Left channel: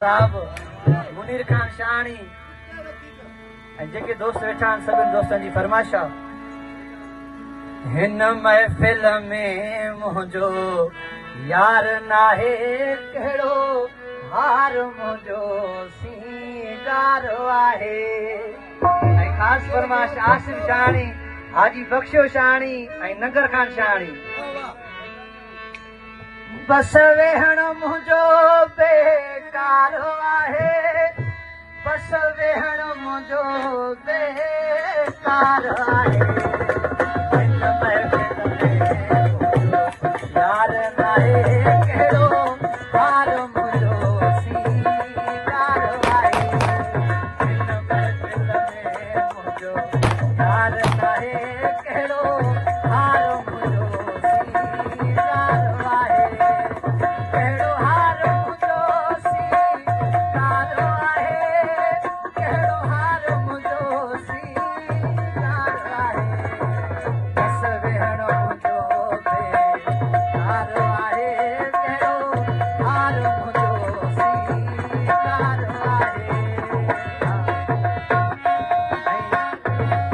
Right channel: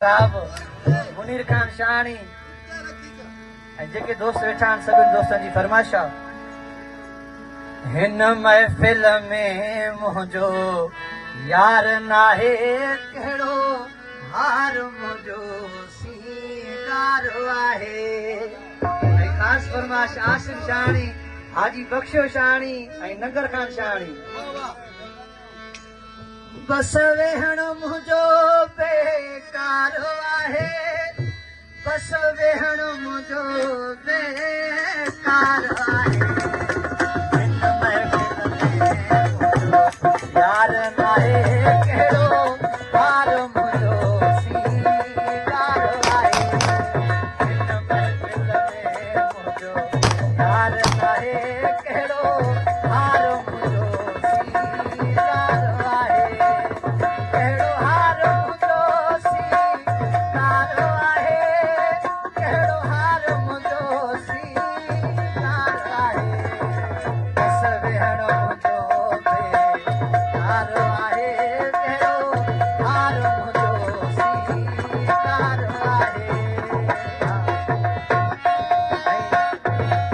साहब मुनीर खान शानी जेके दोस्त वेठा आहिनि सभिनि दोस्तनि जी फरमाइश आहे। हिन महफ़िल में मुंहिंजो यार नाहे कहिड़ो हार मुंहिंजो सींगार आहे। ख़ासि फरमाइश आसिम शानी, हाजी बख्शो शानी ऐं नगर खान शानी। बस वेहण मुंहिंजो बेकार आहे, बस वेहण मुंहिंजो बेकार आहे। हिन महफ़िल में यार नाहे कहिड़ो हार मुंहिंजो सींगार आहे। हिन महफ़िल में मुंहिंजो यार नाहे कहिड़ो हार मुंहिंजो सींगार आहे। कहिड़ो हार मुंहिंजो सींगार आहे, कहिड़ो हार मुंहिंजो सींगार आहे। बस वेहण मुंहिंजो बेकार आहे, कहिड़ो हार मुंहिंजो सींगार आहे।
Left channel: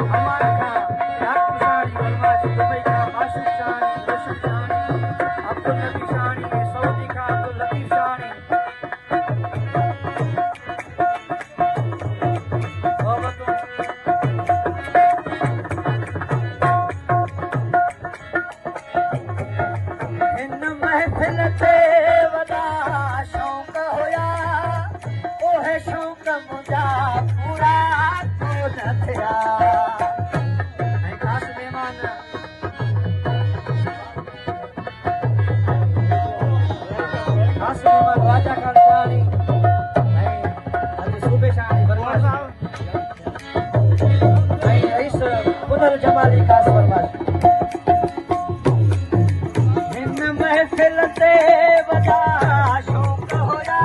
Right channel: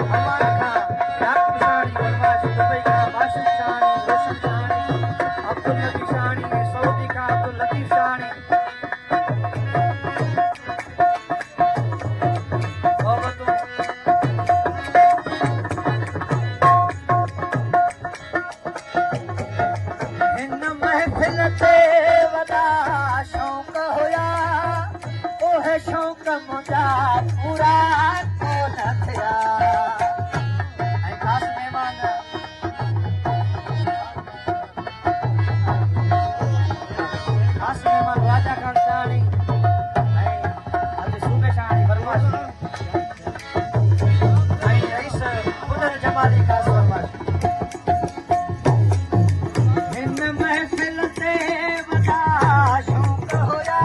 हमारा खां रात शानी फरमाइश दुबई खां आसिफ शानी, रशीद शानी, अब्दुल लतीफ़ शानी, सऊदी खां अब्दुल लतीफ़ शानी। हिन महफ़िल ते वॾा शौक़ हुया, उहे शौक़ मुंहिंजा पूरा कोन थिया। ऐं ख़ासि महिमान राजा खान शानी ऐं हाजी सूबे शानी फरमाइश ऐं रईस पुनर जमाली ख़ासि फरमाइश। हिन महफ़िल ते वॾा शौक़ हुया,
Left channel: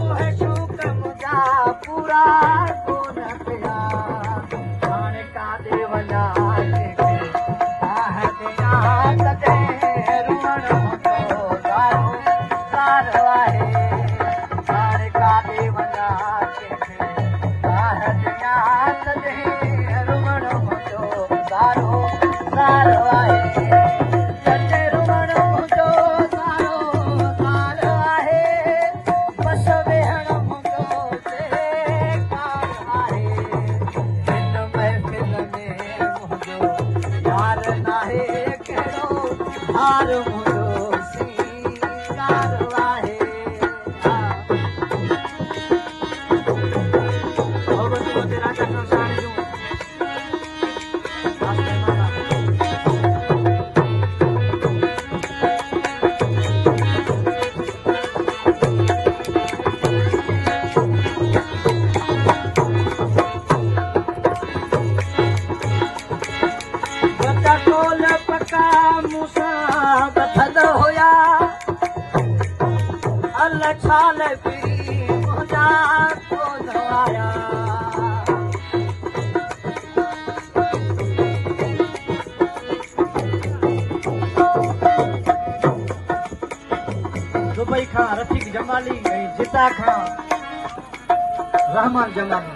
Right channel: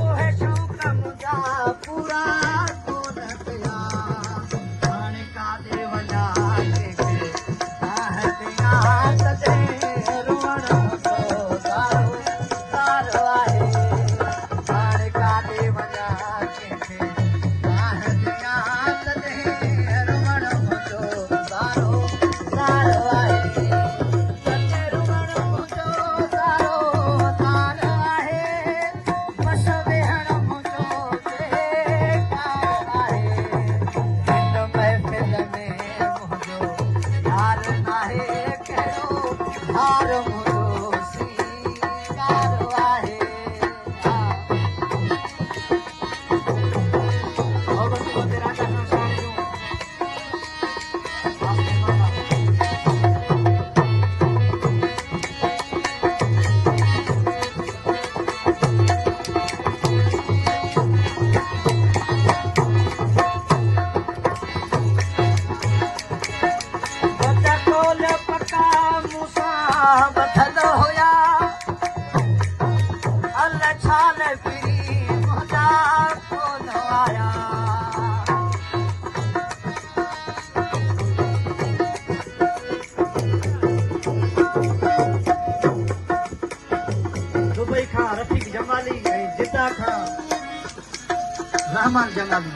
उहे शौक़ मुंहिंजा पूरा कोन थिया। हाणे काॾे वञा कंहिंखे आह कयां कॾहिं रुअण मुंहिंजो सारो सार आहे। हाणे काॾे वञा कंहिंखे आह कयां कॾहिं रुअण मुंहिंजो सारो सार आहे। कॾहिं रुअण मुंहिंजो सारो सार आहे, बस वेहण मुंहिंजो बेकार आहे। हिन महफ़िल में मुंहिंजो यार नाहे कहिड़ो हार मुंहिंजो सींगार आहे। मोहब्बत राजा खान शानी जूं ख़ासि महिमान वॾा टोल पका मूंसां ॿधल हुया, अल छाल बि मुंहिंजा कोन आया। दुबई खां रफ़ीक जमाली ऐं जिद्दा खां रहमान जमाली।